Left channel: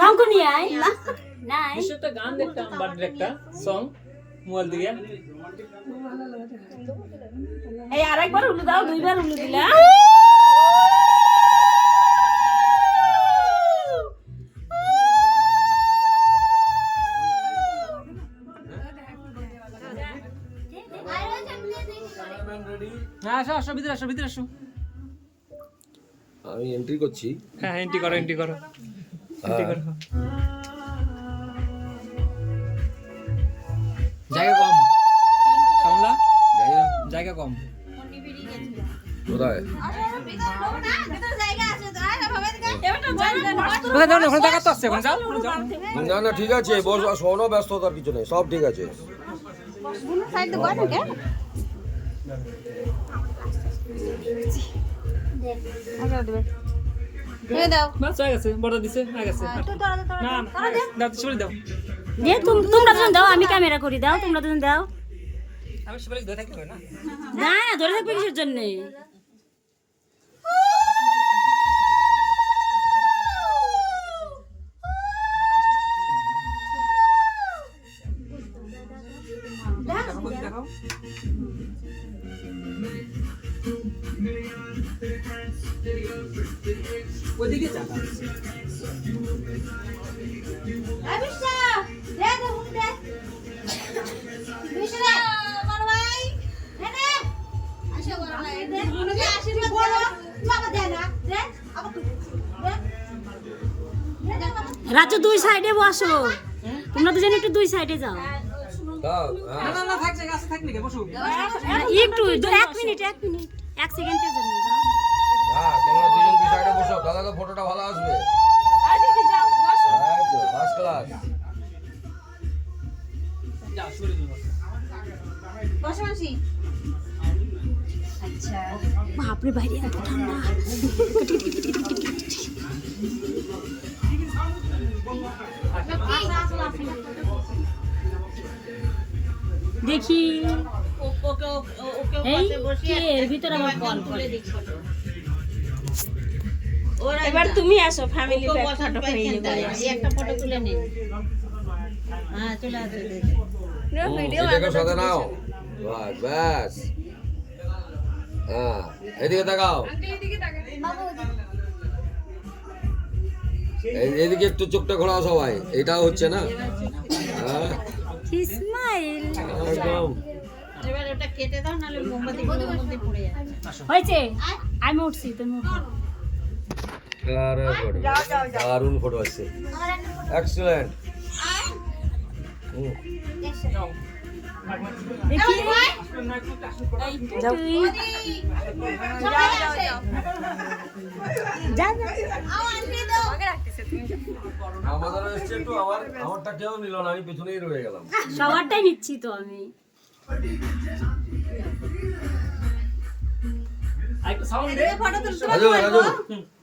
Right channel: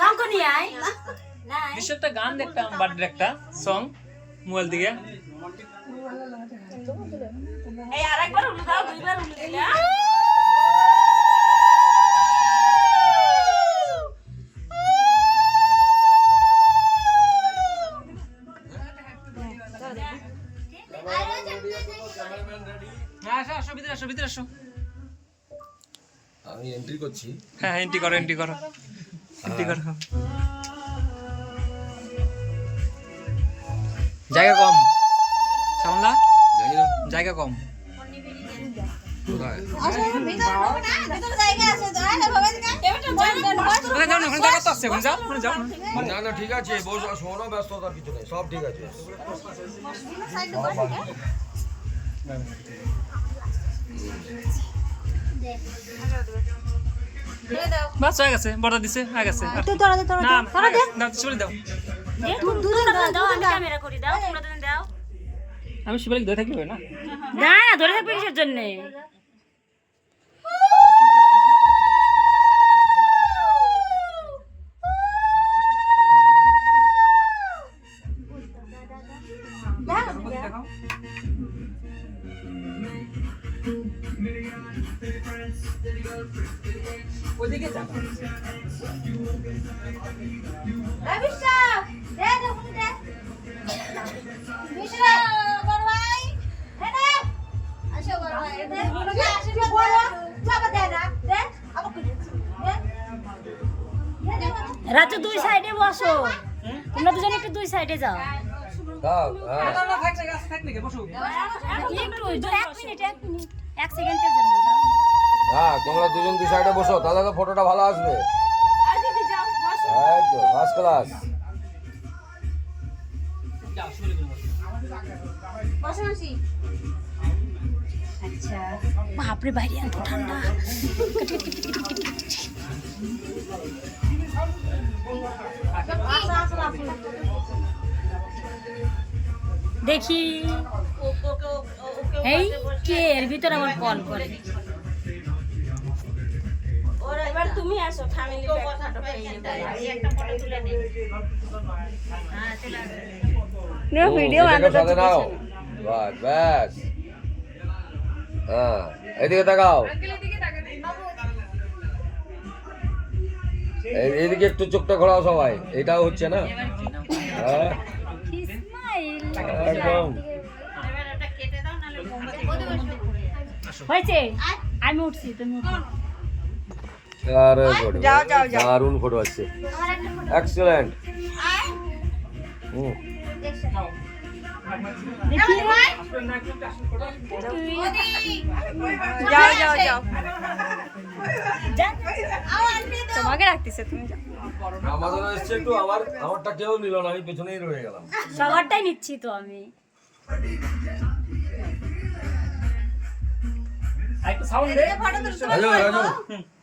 শঙ্খ নিয়ে আয় না একটা গান দেখতাম বার্থডে একটা সং মোবাইল থেকে এই আরেকবার উল্লু দাও দুইবার উল্লু দিলে আসো ভিতরে আসো আমি এন্ট্রি করছি। হ্যাঁ এন্ট্রি করো জায়গা কম সামলা জায়গা কম কোথায়? কোথায় যাও না ওখানে জায়গা তো আছে ওখানে যাও না না ঠিক আছে, বস, শোনো, ব্যস্ততার কিছু নেই, সব ঠিক আছে। বাস হয়ে গেছে বড় দিছে হয়ে গেছে না দাও শিবালি দাও তোমরা দাও আমি ক্যামেরা করি দাও তোমরা দুজন দাও আমি শিবালি ধরে থাকলে না না ধরে থাকবে কিসের জন্য দেখাও ওদিকে যা রাজু দুই সাইডে বসো তোমরা দুজন একটু দুই সাইডে যাও না থাক জায়গা আছে থাক নাকি বসো একটু 1 মিনিট 1 সেকেন্ডের জন্য যাও হ্যাঁ, তোমরা দুজন দু সাইডে বসো, তাহলে তো ফটোটা ভালো আসবে। এই তো ফার্স্ট ক্লাস। আচ্ছা বাপরে বাইরে এত ঠান্ডা দেখি এই কে এর ভিতর আমার কল করে এবার তুমি আসো ফ্যামিলি ফটো একটা ফটো তুলে নে হ্যাঁ চলে আসো ভিডিও দেখো সাথে নাও, বাস ব্যাস। হ্যাঁ এদিকে তাকাও, এইদিকে একটু চোখটা ঘোরাও সবাই, এটাও হচ্ছে না। হ্যাঁ স্মাইল একদম এবার ওটা কেটে দাও নালে মোমবাতি পুড়ে যাবে হয়েছে আমি উঠছি তুমি উঠো আরে দারুণ ফটো আসছে, এক্সেলেন্ট। দেখি তোমাকে রাখতেছে তুমি যাও আমাদের এসছে একটু, আমারটা কেউ নিল না, আমি পেছনেই রয়ে গেলাম। সবারটাই নিচ্ছি তো আমি আইতো সাউন্ড দে রাজু রাজু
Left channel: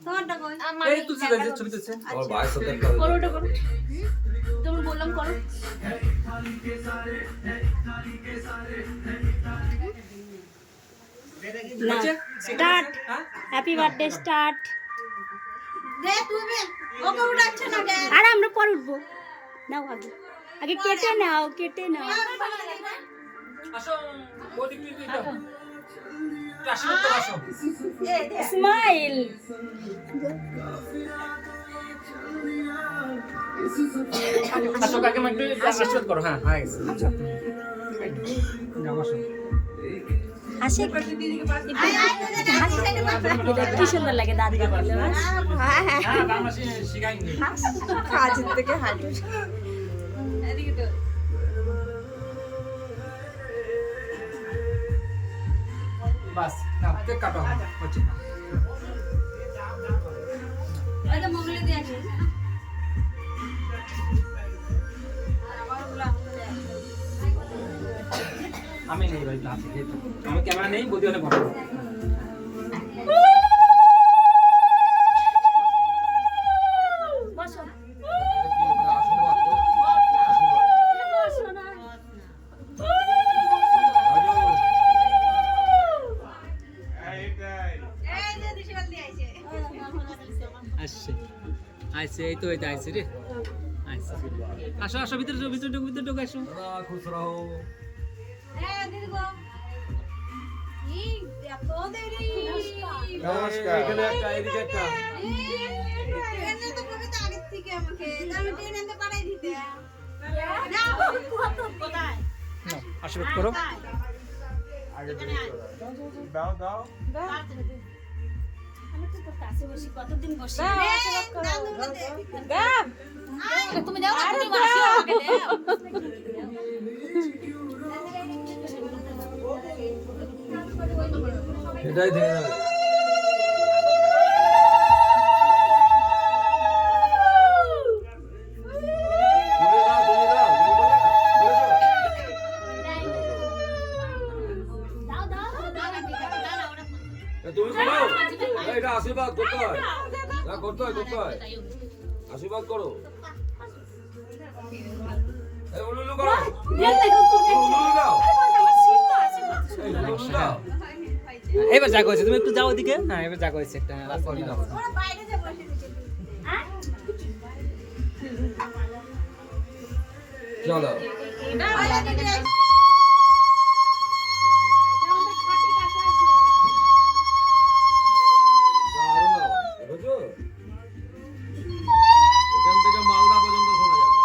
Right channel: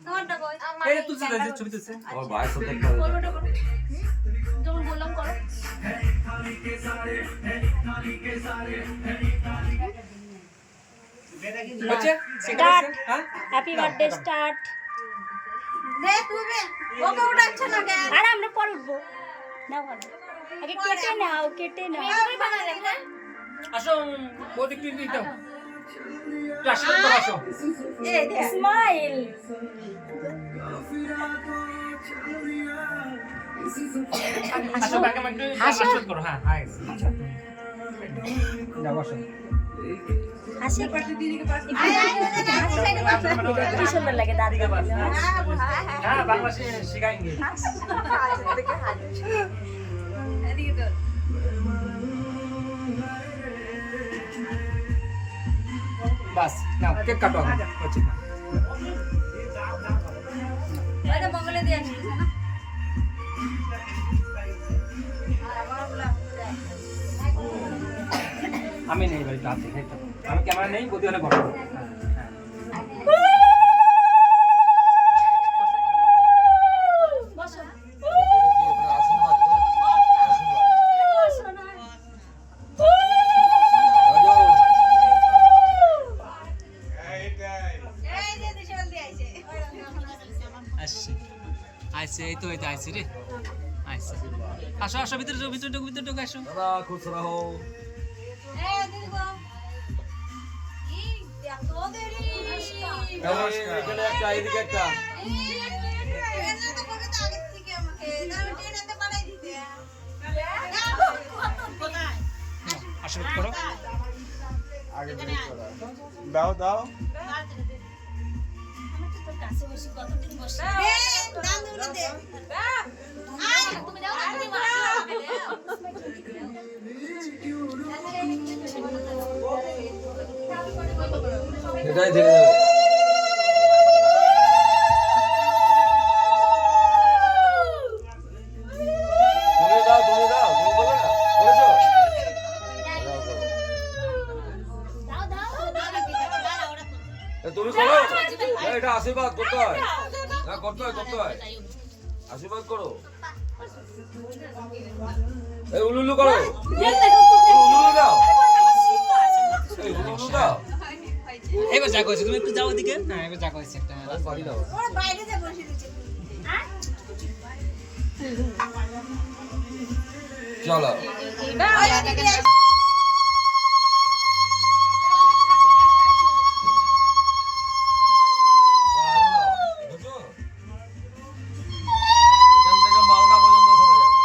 তোমারটা কই এই তুলছে ছবি তুলছে আমার ভাইয়ের সাথে তুমি বললাম করো না স্টার্ট হ্যাপি বার্থডে স্টার্ট দে তুমি ওকে উঠাচ্ছ না কেন আর আমরা পরে উঠবো নাও আগে কেটে নাও আসো ওদিক তুই দাও আসো তো আসো স্মাইল আসো কাকে একটু আশীর্বাদ করো হ্যাঁ হয়ে গেছে যাও আসো হাসি কি সুন্দর লাগে দাদি বললে হ্যাঁ বাংলাদেশে শিখাইনি কাজ থেকে হাসি এদিকে তো বাস নাও কেক কাটো হচ্ছে আরে মঙ্গলে দিয়ে আসি আর আমারগুলো আমি নেই ভাই আছে আমি ক্যামেরা নেই বদি হলে ভালো আসছে আইছে এই তো আইছে রে আইছে আসো আসো ভিতরে ঢোক ভিতরে ঢোক আসো দাদা খুশ রাহো। এখানে একটা, এদিকে একটা। নাও, আশীর্বাদ করো কতদিন বসে তুমি যাও এটাই থেকে যাবে। তুমি দাও, তুমি বলো না, বলেছো? তুমি করো, এটা আশীর্বাদ করতে হয়, না করতে হয়, আশীর্বাদ করো, এই উলুলু করো, উলুলু দাও, এই উলুলু দাও। এবার যা কইছে তুমি একটু যাও ওদিকে হ্যাঁ এবার যা কইছে একটা সরি দাও। চলো বুঝছো? এখান থেকে মালদা পর্যন্ত শোনা যাবে।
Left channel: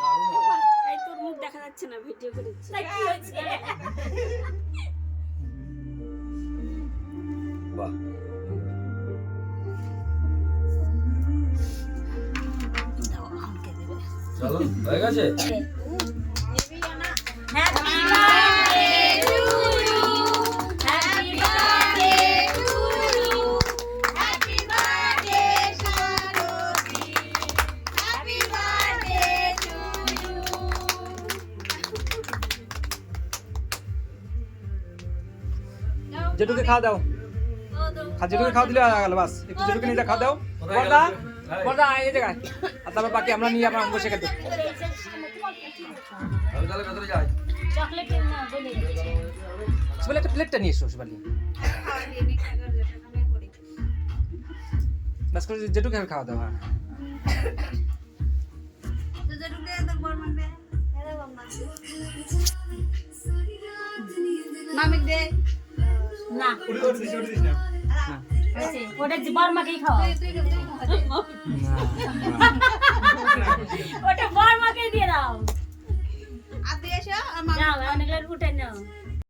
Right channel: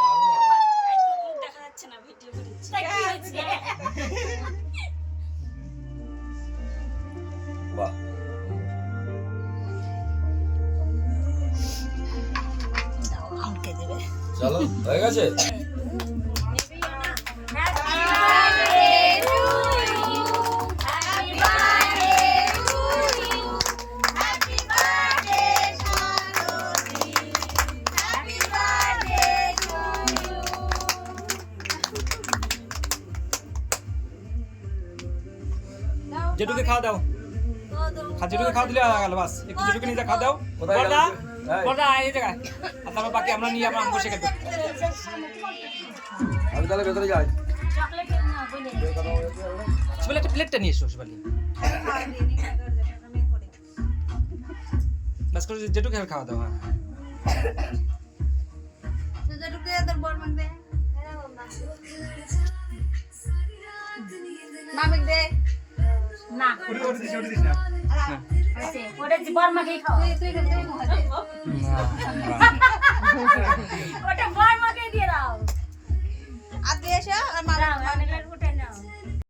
দারুণ হবে। এই তোর মুখ দেখা যাচ্ছে না ভিডিও করেছি কি হয়েছে বাহ। চলো হয়ে গেছে। যেটুকে খাওয়া দাও যেটুকে খাওয়া দিলে গেল বাস একটু যেটুকে নিয়ে খাওয়া দাও কোথায় বড়দা গেল? এই। বড়দা এই জায়গায় আর তারপর বাকি আমরা নিয়ে আমরা বসে খেতে আমি তাহলে ভেতরে যাই। চকলেট না বলি শিবালি একটা প্লেটটা নিয়ে এসো শিবালি বাস করে যেটুকে খাওয়া দাও হ্যাঁ মামিক দে না না ওটা বর্মাকেই খাওয়া ওটা বর্মাকে দিয়ে দাও আর দেশ আর মামিক যাও অনেকগুলো ফুটে নাও